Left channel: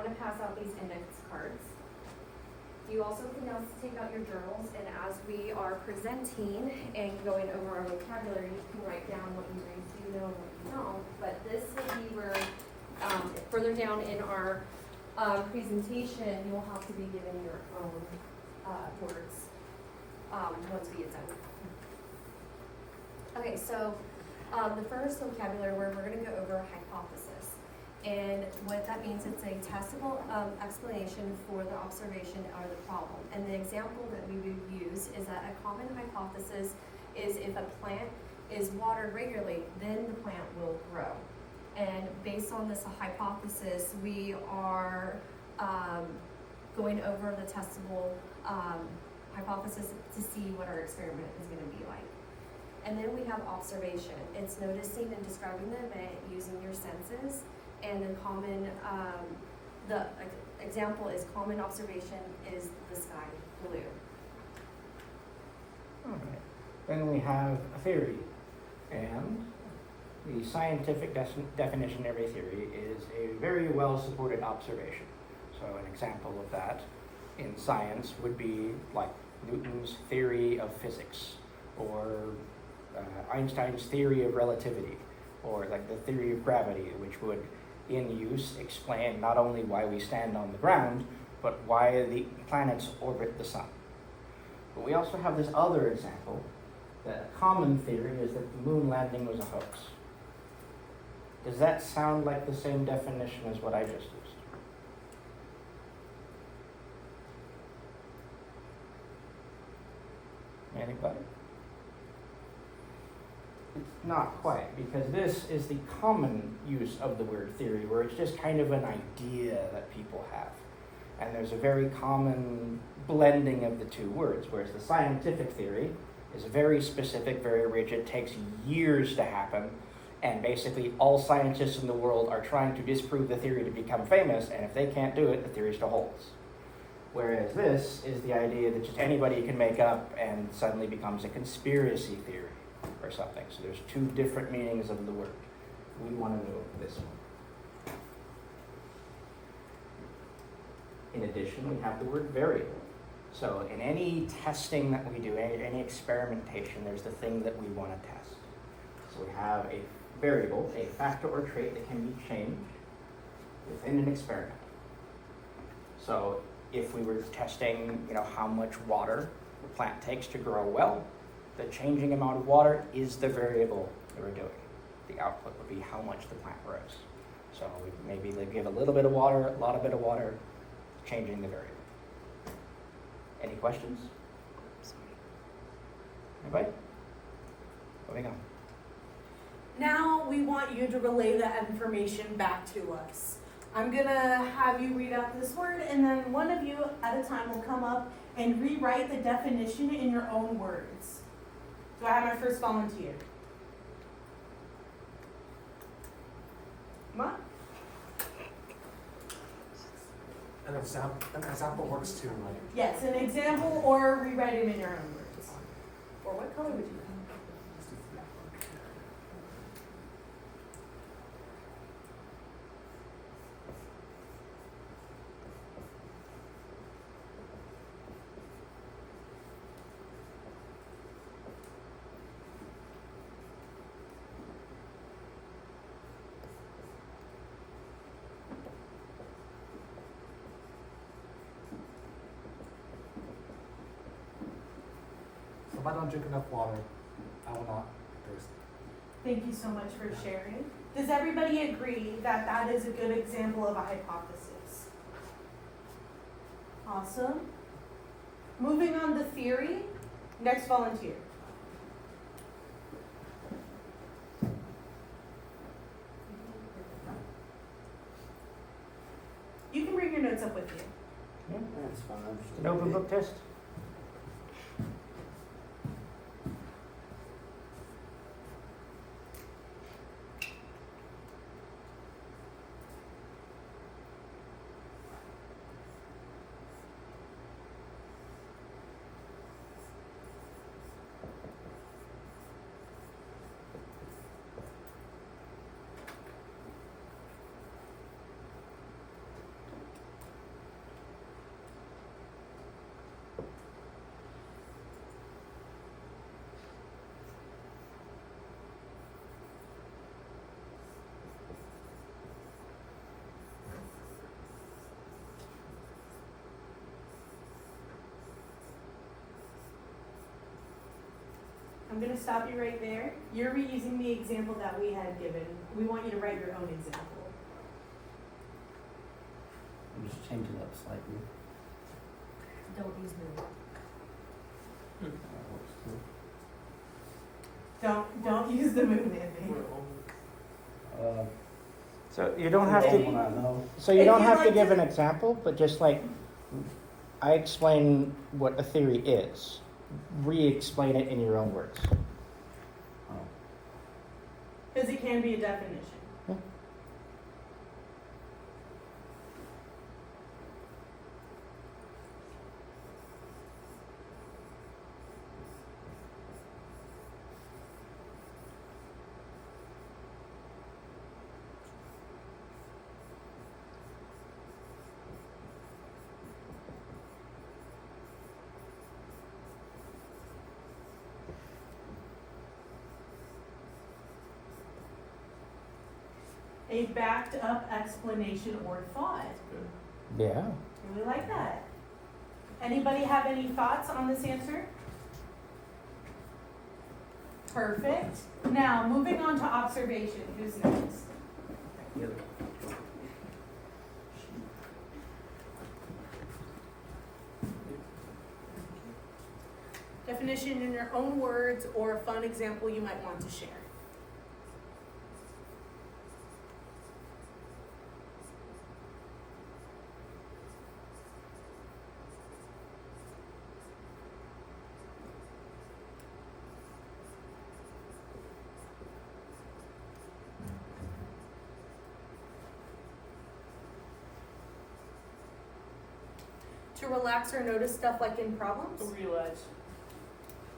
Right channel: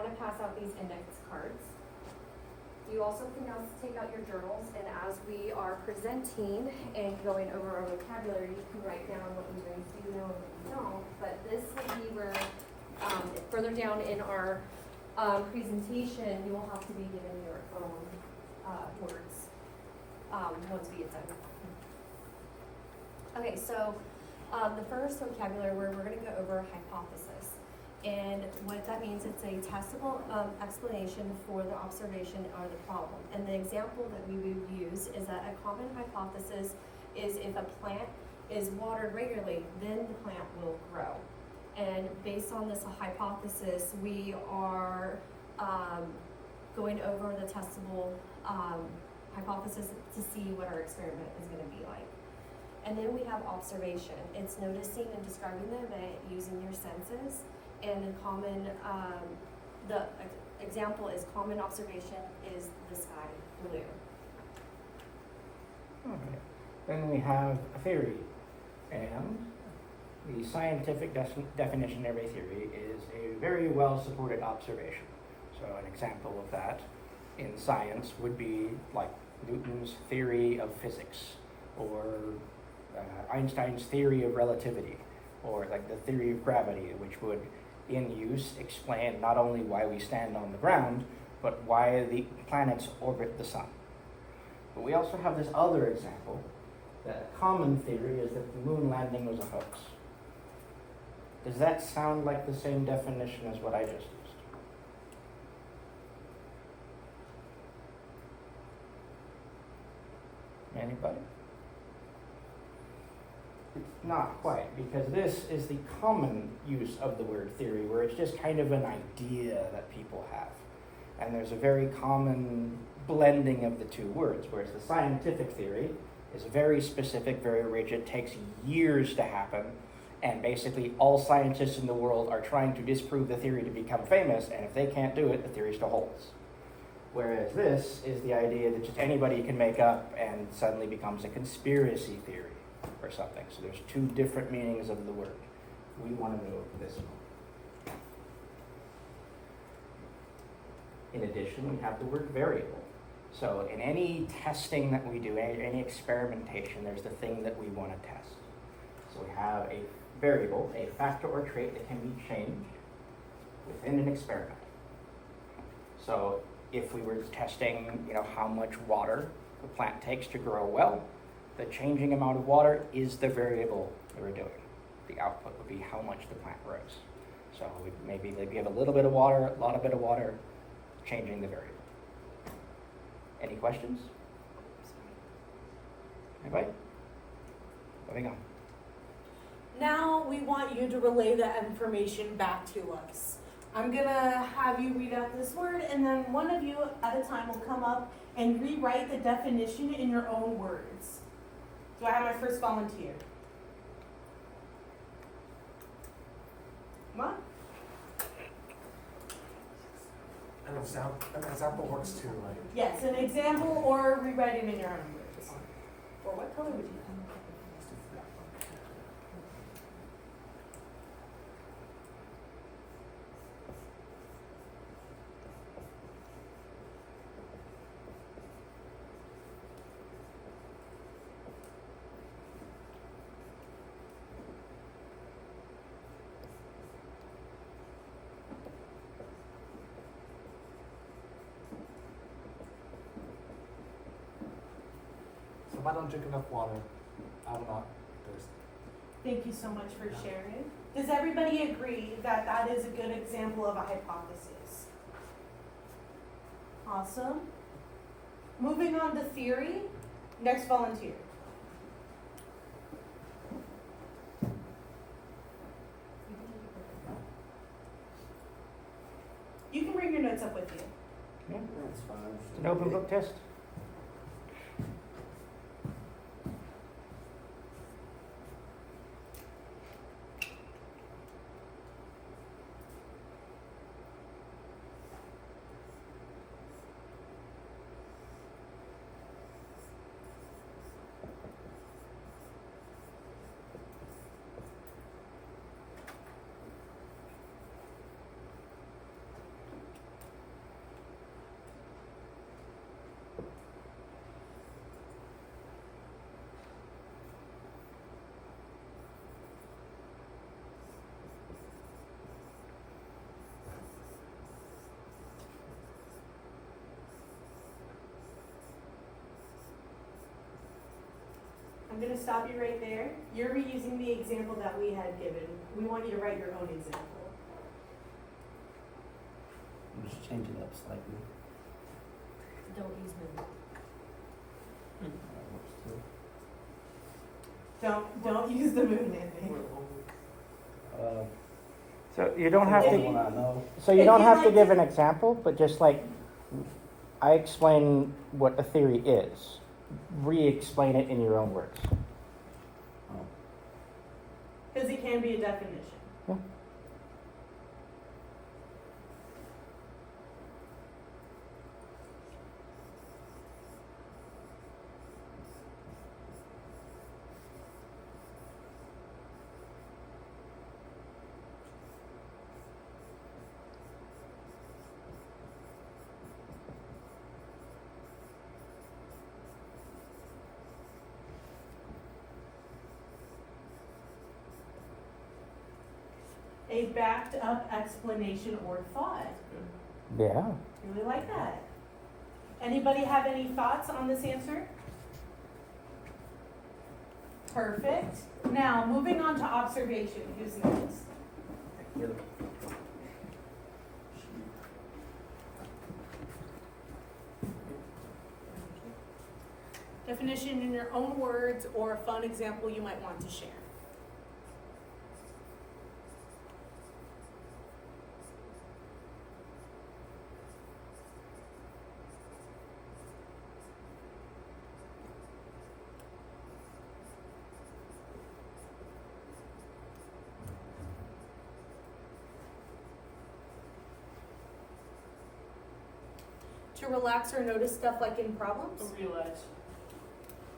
want to pass out these index cards. You also can now take out your journals, and as we are presenting and going over our vocabulary, you can write down what you guys do know and what you don't. But this will be where, further down in our presentation, you will have to be given your own words once we get done. Okay, so the first vocabulary word, we're going to go over hypothesis. And what that means, it's a testable explanation for the observation or the problem. And the example that we would use is that a common hypothesis is if a plant is watered regularly, then the plant will grow. And based on this hypothesis, we are going over the testable hypothesis to see what our experiment is going to be like. And then we have observation. It's noticing and describing the event using your senses. And the common, the example is common observation is the sky blue. Okay. Then we have a theory. And the scientific definition of a theory is a very well supported observation. So an example of that in science would be like Newton's theory of physics, or Einstein's theory of relativity, or like the theory of gravity, which would in use explain not only why we stand on the ground, but why the planets orbit the sun. But we also have this other example, that a common theory is that the moon landing was a hoax. Does that sound like the same definition as what I just used? Anybody? It's not quite, because this is the common use of the word theory, where it's just kind of an idea that people have. And there's a very common blending of the two words, whereas the scientific theory is very specific, very rigid, takes years to happen, and basically all scientists in the world are trying to disprove the theory to become famous, and if they can't do it, the theory still holds. Whereas this is the idea that just anybody can make up and suddenly becomes a conspiracy theory or something. So there's two different meanings of the word. We want to know this one. In addition, we have the word variable. So in any testing that we do, any experimentation, there's the thing that we want to test. So we have a variable, a factor or trait that can be changed within an experiment. So if we were testing, how much water the plant takes to grow well, the changing amount of water is the variable that we're doing. The output would be how much the plant grows. So we maybe give a little bit of water, a lot of bit of water, changing the variable. Any questions? Anybody? Moving on. Now we want you to relay that information back to us. I'm gonna have you read out this word, and then one of you at a time will come up and rewrite the definition in your own words. Do I have my first volunteer? Come on. An example works too, right? Yes, an example or rewrite it in your own words. Or what color would you think? If I don't drink enough water, I will not thirst. Thank you so much for sharing. Does everybody agree that that is a good example of a hypothesis? Awesome. Moving on to theory. Next volunteer. You can bring your notes up with you. Yeah. That's fine. No blue book test? I'm gonna stop you right there. You're reusing the example that we had given. We want you to write your own example. I'm just changing it up slightly. Don't use moon. Don't use the moon, Andy. So you don't have If to. you- One I know. So you If don't you'd have to like give to- an example, but just like I explain what a theory is, re-explain it in your own words. Oh. Because it can be a definition. Yeah. A backed up explanation or thought. Yeah. Really like that. Anybody have any thoughts on this answer? Perfect. Now, moving on to observation. Who's next? Definition in your own words or a fun example you might want to share. To relax or notice stuff like in problems? Realize.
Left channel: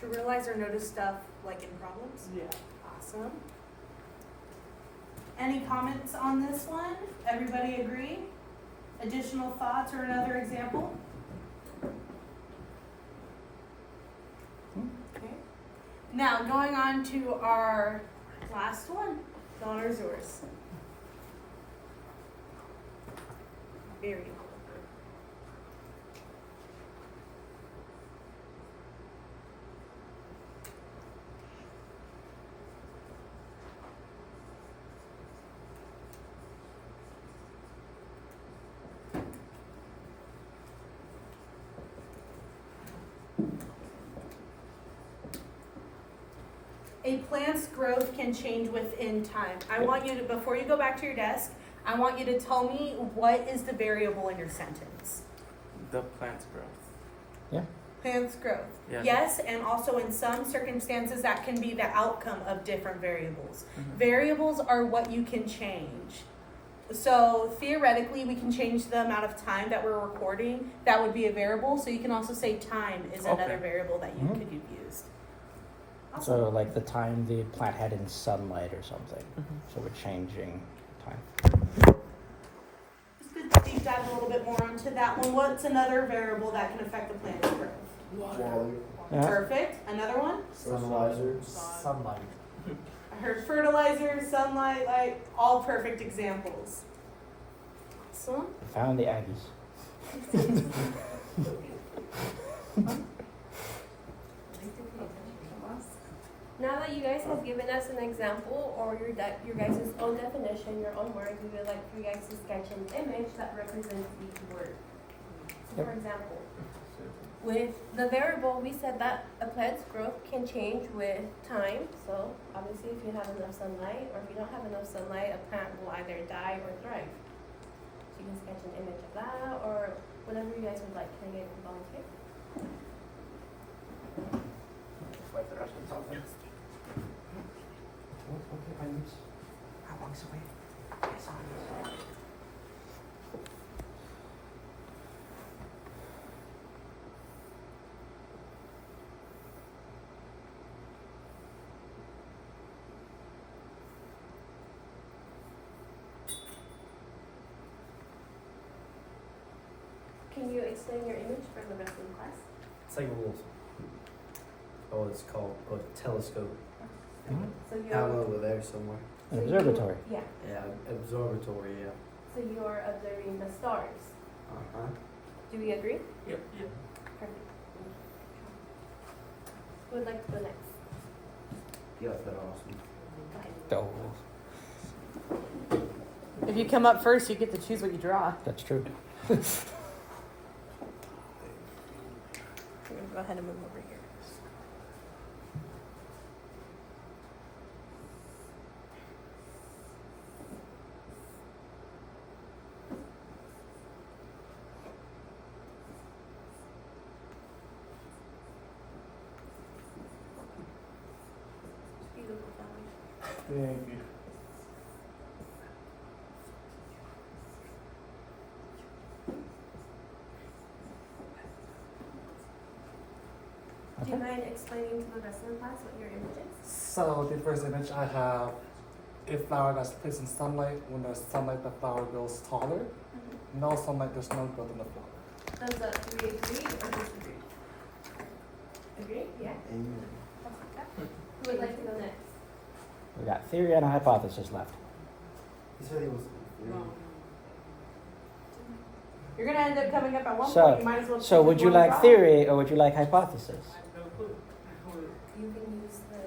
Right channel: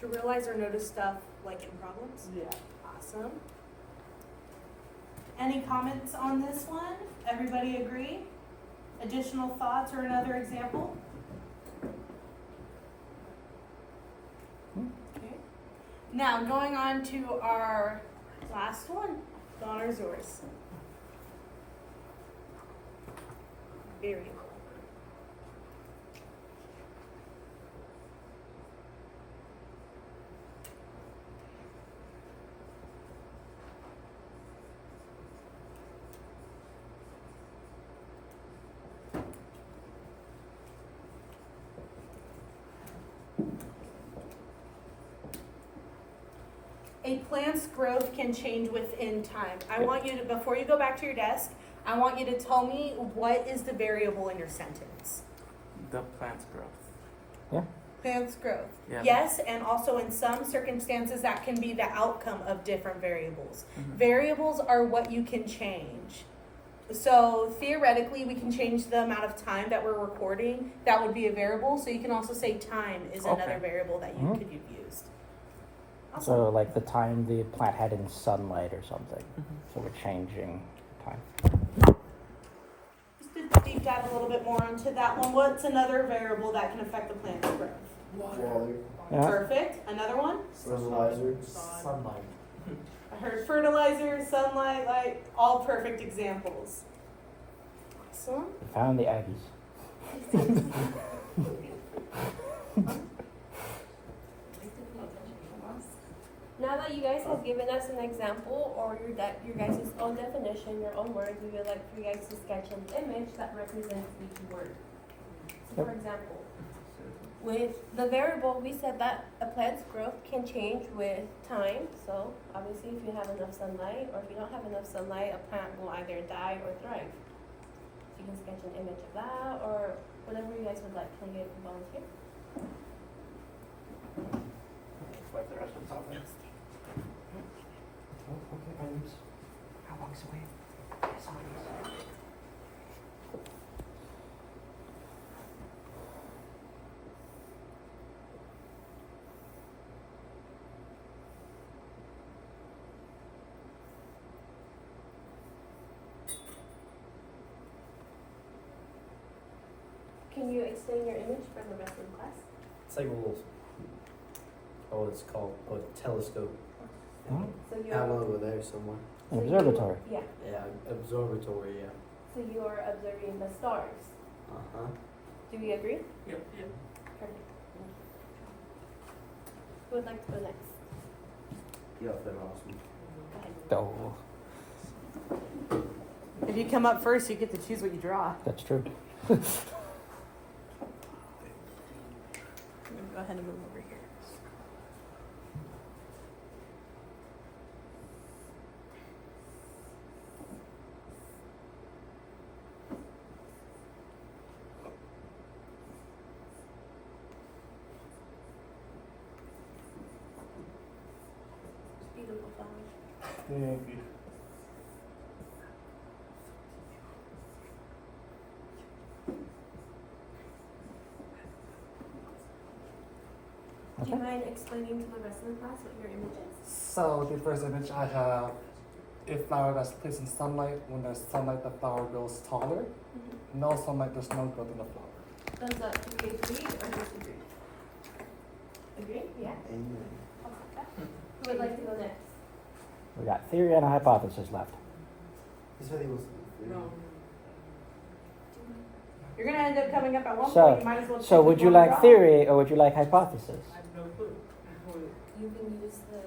To realize or notice stuff like in problems? Yeah. Awesome. Any comments on this one? Everybody agree? Additional thoughts or another example? Okay. Now, going on to our last one. The honor is yours. Variable. A plant's growth can change within time. I want you to, before you go back to your desk, I want you to tell me what is the variable in your sentence. The plant's growth. Plant's growth. Yeah. Yes, and also in some circumstances that can be the outcome of different variables. Mhm. Variables are what you can change. So theoretically, we can change the amount of time that we're recording. That would be a variable. So you can also say time is another Okay. variable that you Mhm. could have used. So like the time the plant had in sunlight or something. Mhm. So we're changing time. Just to deep dive a little bit more into that one. What's another variable that can affect the plant's growth? Water. Yeah. Perfect. Another one? Fertilizer. Sunlight. I heard fertilizer, sunlight, light, all perfect examples. Awesome. We found the Aggies. Now that you guys have given us an example or your guys' own definition, your own word, we would like for you guys to sketch an image that represents each word. So for example, with the variable, we said that a plant's growth can change with time. So obviously if you have enough sunlight or if you don't have enough sunlight, a plant will either die or thrive. So you can sketch an image of that or whatever you guys would like. Can I get a volunteer? Wipe the rest of this off then. How long's the wait? Can you explain your image for the rest of the class? It's like a little, oh, it's called a telescope. Mhm. So Out over there somewhere. An so you- observatory. Yeah. Yeah, observatory, yeah. So you're observing the stars. Uh-huh. Do we agree? Yep. Yep. Perfect. Who would like to go next? Yeah, that's awesome. Oh, If you come up first, you get to choose what you draw. that's true. I'm gonna go ahead and move over here. Beautiful flowers. Thank you. Do you mind explaining to the rest of the class what your image is? So the first image I have a flower that's placed in sunlight. When there's sunlight, the flower grows taller. No sunlight, there's no growth in the flower. Does that do you agree or disagree? Agree? Yeah. Amen. Who would like to go next? We got theory and a hypothesis left. This really was. You're gonna end up coming up at one So- point. You might as well. So choose would you one like draw. theory or would you like hypothesis? You can use the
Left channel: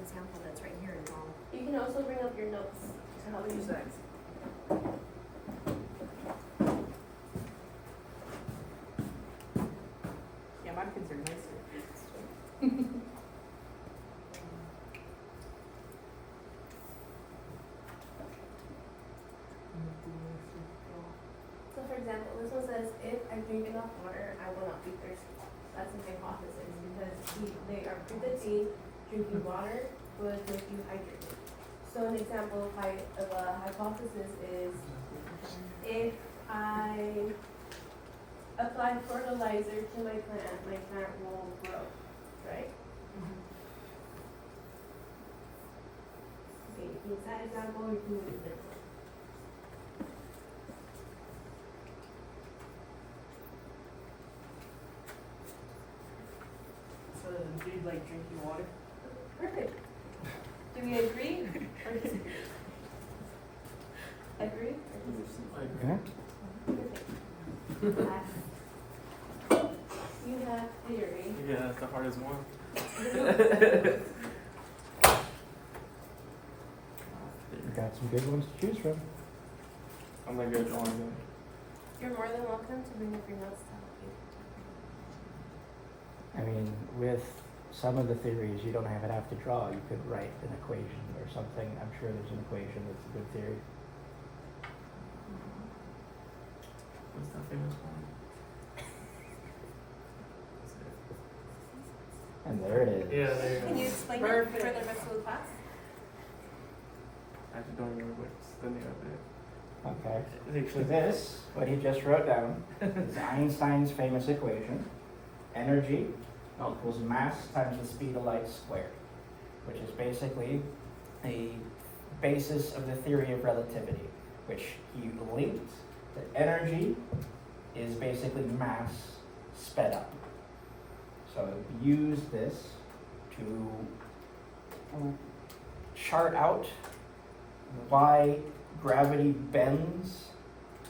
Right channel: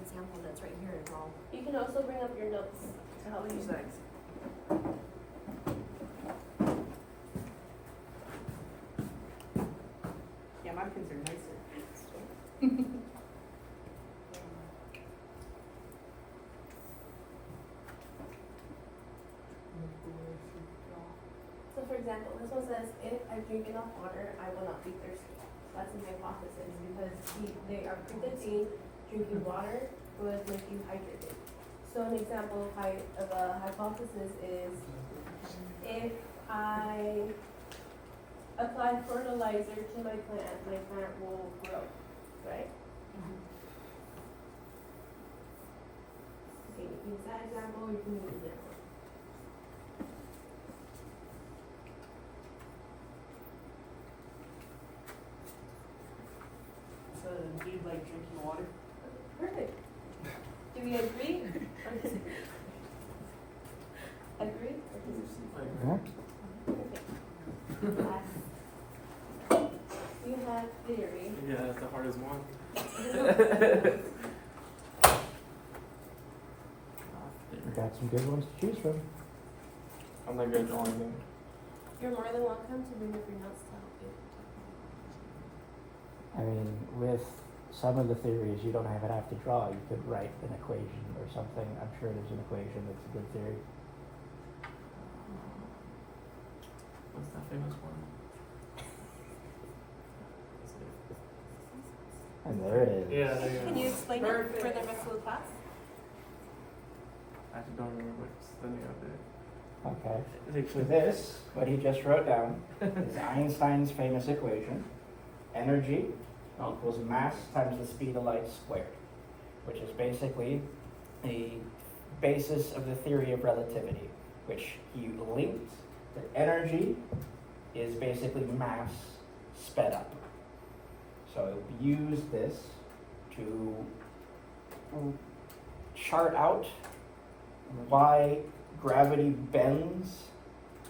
example that's right here as well. You can also bring up your notes to help you. Yeah, my concern is. So for example, this one says, if I drink enough water, I will not be thirsty. That's a hypothesis because they are predicting drinking water would make you hydrated. So an example of a hypothesis is, if I apply fertilizer to my plant will grow, right? Okay, you can use that example or you can use this one. So do you like drinking water? Perfect. Do we agree or disagree? Agree or disagree? Yeah. Perfect. You have theory. Yeah, that's the hardest one. We got some good ones to choose from. I'm not good at drawing them. You're more than welcome to bring up your notes to help you. I mean, with some of the theories, you don't even have to draw. You could write an equation or something. I'm sure there's an equation that's a good theory. What's that famous one? And there it is. Yeah, there you Can go. you explain it Perfect. for the rest of the class? I actually don't remember what's the name of it. Okay. It's So actually this, what he just wrote down, is Einstein's famous equation. Energy equals mass times the speed of light squared, which is basically the basis of the theory of relativity, which he linked that energy is basically mass sped up. So use this to chart out why gravity bends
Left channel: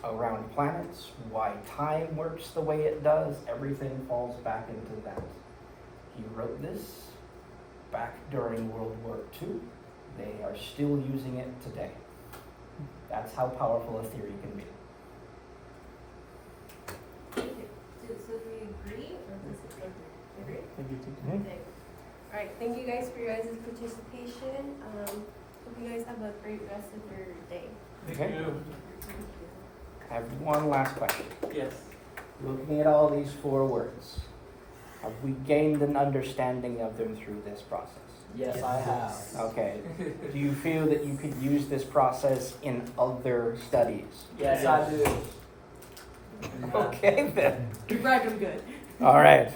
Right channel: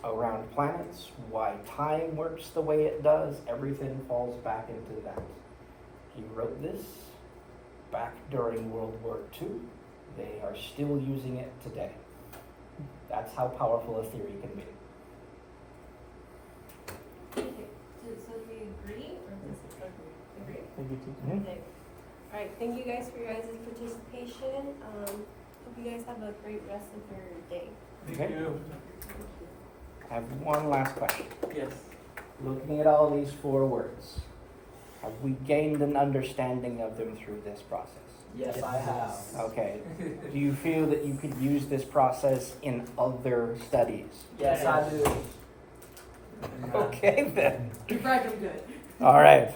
around planets, why time works the way it does, everything falls back into that. He wrote this back during World War II. They are still using it today. That's how powerful a theory can be. Thank you. So do we agree or disagree? Agree? Thank you too. Okay. All right, thank you guys for your guys' participation. Hope you guys have a great rest of your day. Thank Okay. you. I have one last question. Yes. Looking at all these 4 words, have we gained an understanding of them through this process? Yes, I have. Okay. Do you feel that you could use this process in other studies? Yes, I do. Okay then. You're bragging good. All right.